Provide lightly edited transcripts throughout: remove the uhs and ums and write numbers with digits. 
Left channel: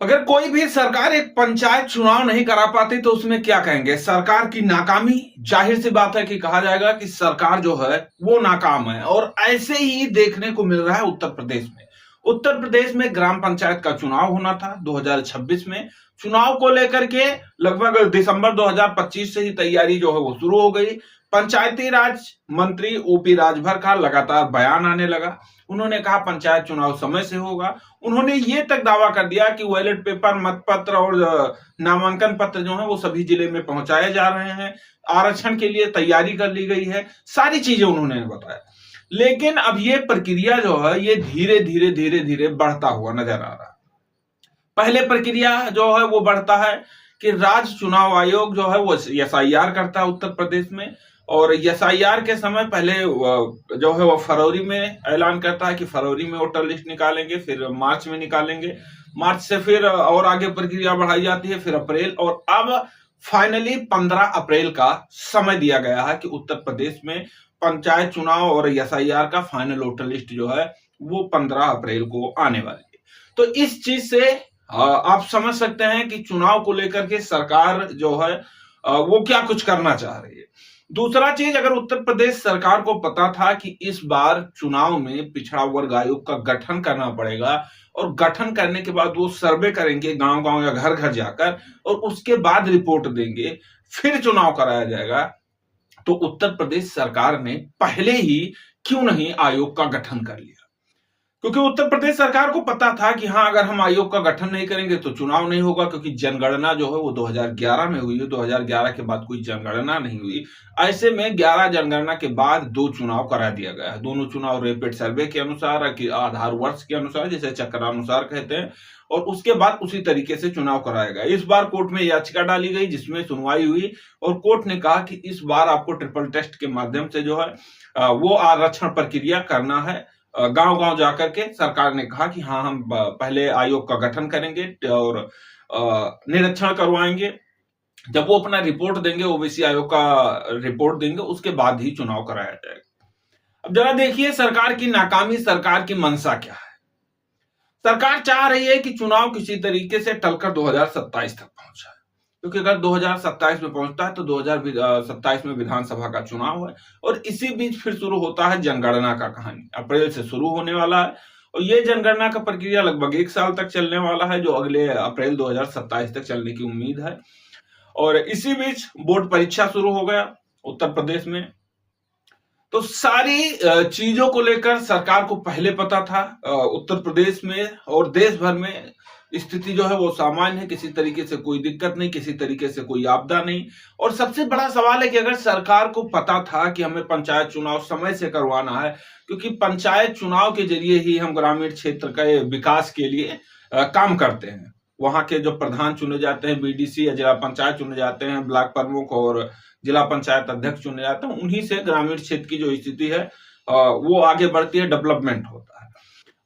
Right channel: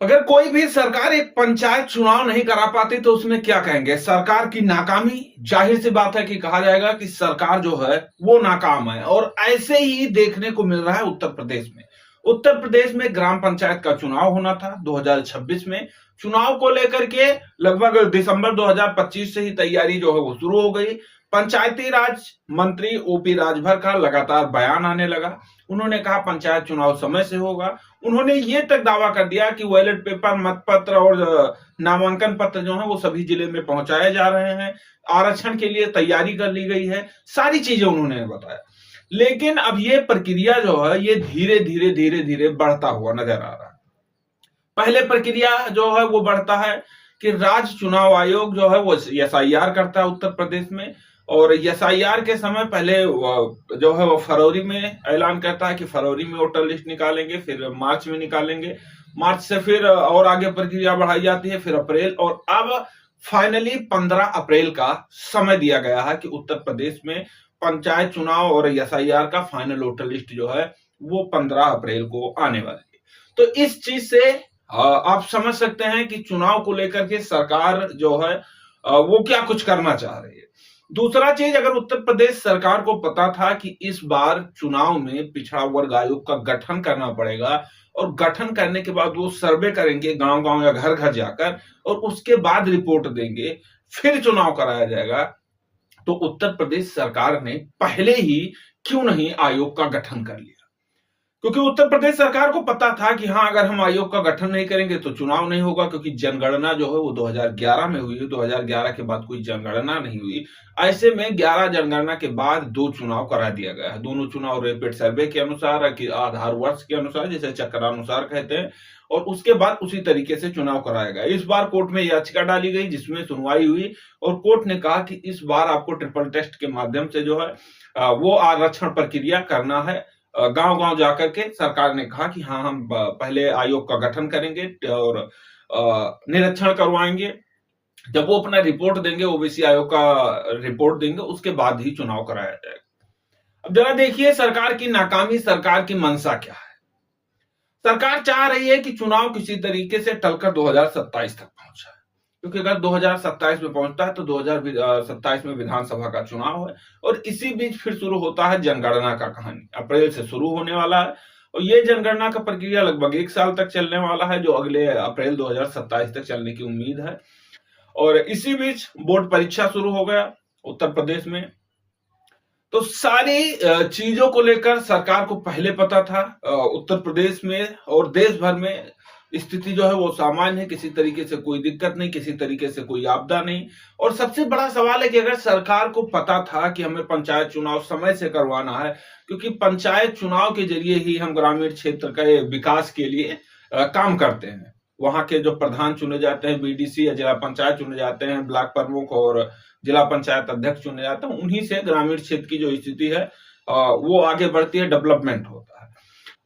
अगर कोई भी सरकार एक पंचायत चुनाव नहीं करा पाती तो उसमें क्या कहेंगे? सरकार की नाकामी। जाहिर सी बात है कि कहा जाएगा कि सरकार जो है वो नाकाम है और ऐसे ही देखने को मिल रहा है उत्तर प्रदेश में। उत्तर प्रदेश में ग्राम पंचायत का चुनाव होना था 2026 में। चुनाव को लेकर के लगभग दिसंबर 2025 से ही तैयारी जो है वो शुरू हो गई। पंचायती राज मंत्री ओपी राजभर का लगातार बयान आने लगा। उन्होंने कहा पंचायत चुनाव समय से होगा। उन्होंने ये तक दावा कर दिया कि बैलेट पेपर, मतपत्र और नामांकन पत्र जो है वो सभी जिले में पहुंचाए जा रहे हैं। आरक्षण के लिए तैयारी कर ली गई है। सारी चीजें उन्होंने बताया। लेकिन अब ये प्रक्रिया जो है ये धीरे धीरे बढ़ता हुआ नजर आ रहा है। पहले प्रक्रिया जो है वो बढ़ता है कि राज्य चुनाव आयोग जो है वो एसआईआर करता है उत्तर प्रदेश में। और एसआईआर के समय पहले जो है वो फरवरी में ऐलान करता है कि फरवरी में वोटर लिस्ट निकालेंगे, फिर मार्च में निकालेंगे। मार्च से फिर और आगे प्रक्रिया बढ़ाई जाती है, फिर अप्रैल, और अब फाइनली 15 अप्रैल का समय दिया गया है कि उत्तर प्रदेश में पंचायत चुनाव और एसआईआर का फाइनल वोटर लिस्ट जो है वो 15 अप्रैल को आने वाली है। तो इस चीज से आप समझ सकते हैं कि चुनाव को लेकर के सरकार जो है वो क्या कुछ करना चाह रही है। दूसरा चीज, अगर उत्तर प्रदेश सरकार को पता था कि इस बार चुनाव में पिछड़ा वर्ग आयोग का गठन करना पड़ेगा और गठन करने के बाद वो सर्वे करेंगे गांव गांव या घर घर जाकर और उसके बाद रिपोर्ट देंगे, फिर चुनाव कराया जाएगा, तो उत्तर प्रदेश सरकार ने पहले ही क्यों नहीं आयोग का गठन कर लिया? क्योंकि उत्तर प्रदेश सरकार को पता था कि हाँ, अगर हम आयोग का गठन नहीं करेंगे तो चुनाव नहीं होगा, क्योंकि जनगणना जो है वो 2011 में हुई है। 2011 के बाद कोई जनगणना नहीं हुई। ऐसे में 11 जनगणना के बाद 2 चुनाव करा दिया गया है। दोनों चुनाव रैपिड सर्वे के अनुसार, कि आधार वर्ष के अनुसार, जिसे चक्रानुसार कहते हैं, और उसके बाद उसी तरीके से चुनाव कराया गया। इस बार कोर्ट में याचिका डाली गई जिसमें सुनवाई हुई और कोर्ट ने कहा कि इस बार आपको ट्रिपल टेस्ट के माध्यम से जो है वो आरक्षण प्रक्रिया करना है। गांव गांव जाकर के सरकार ने कहा कि हाँ, हम पहले आयोग का गठन करेंगे और निरीक्षण करवाएंगे। जब वो अपना रिपोर्ट देंगे, ओबीसी आयोग का रिपोर्ट देंगे, उसके बाद ही चुनाव कराया जाएगा। अब जरा देखिए सरकार की नाकामी, सरकार की मंशा क्या है। सरकार चाह रही है कि चुनाव किसी तरीके से टलकर 2027 तक पहुंच जाए, क्योंकि अगर 2027 में पहुंचता है तो 2027 में विधानसभा का चुनाव है और इसी बीच फिर शुरू होता है जनगणना का कहानी। अप्रैल से शुरू होने वाला है और ये जनगणना का प्रक्रिया लगभग 1 साल तक चलने वाला है, जो अगले अप्रैल 2027 तक चलने की उम्मीद है। और इसी बीच बोर्ड परीक्षा शुरू हो गया उत्तर प्रदेश में। तो सारी चीजों को लेकर सरकार को पहले पता था। उत्तर प्रदेश में और देश भर में स्थिति जो है वो सामान्य है, किसी तरीके से कोई दिक्कत नहीं, किसी तरीके से कोई आपदा नहीं। और सबसे बड़ा सवाल है कि अगर सरकार को पता था कि हमें पंचायत चुनाव समय से करवाना है, क्योंकि पंचायत चुनाव के जरिए ही हम ग्रामीण क्षेत्र के विकास के लिए काम करते हैं। वहां के जो प्रधान चुने जाते हैं, बीडीसी या जिला पंचायत चुने जाते हैं, ब्लॉक प्रमुख और जिला पंचायत अध्यक्ष चुने जाते हैं, उन्हीं से ग्रामीण क्षेत्र की जो स्थिति है वो आगे बढ़ती है, डेवलपमेंट होता है।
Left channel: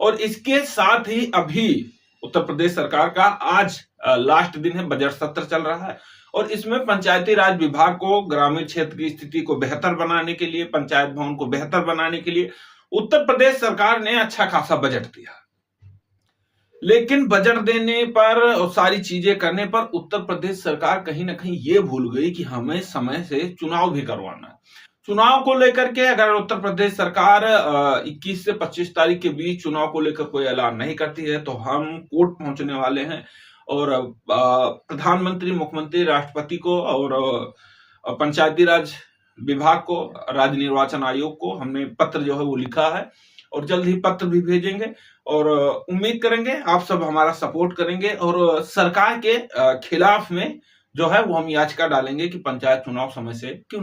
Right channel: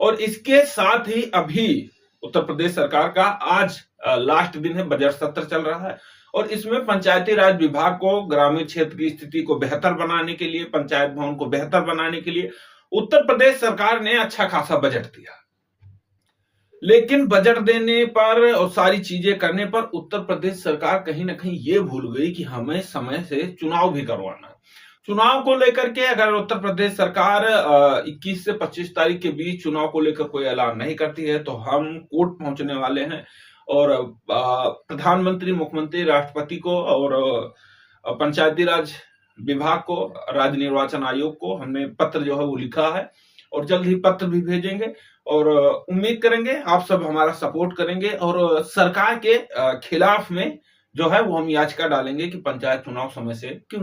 और इसके साथ ही अभी उत्तर प्रदेश सरकार का आज लास्ट दिन है, बजट सत्र चल रहा है और इसमें पंचायती राज विभाग को ग्रामीण क्षेत्र की स्थिति को बेहतर बनाने के लिए, पंचायत भवन को बेहतर बनाने के लिए उत्तर प्रदेश सरकार ने अच्छा खासा बजट दिया। लेकिन बजट देने पर और सारी चीजें करने पर उत्तर प्रदेश सरकार कहीं ना कहीं ये भूल गई कि हमें समय से चुनाव भी करवाना है। चुनाव को लेकर के अगर उत्तर प्रदेश सरकार 21 से 25 तारीख के बीच चुनाव को लेकर कोई ऐलान नहीं करती है तो हम कोर्ट पहुंचने वाले हैं और प्रधानमंत्री, मुख्यमंत्री, राष्ट्रपति को और पंचायती राज विभाग को, राज्य निर्वाचन आयोग को हमने पत्र जो है वो लिखा है और जल्द ही पत्र भी भेजेंगे और उम्मीद करेंगे आप सब हमारा सपोर्ट करेंगे और सरकार के खिलाफ में जो है वो हम याचिका डालेंगे कि पंचायत चुनाव समय से क्यों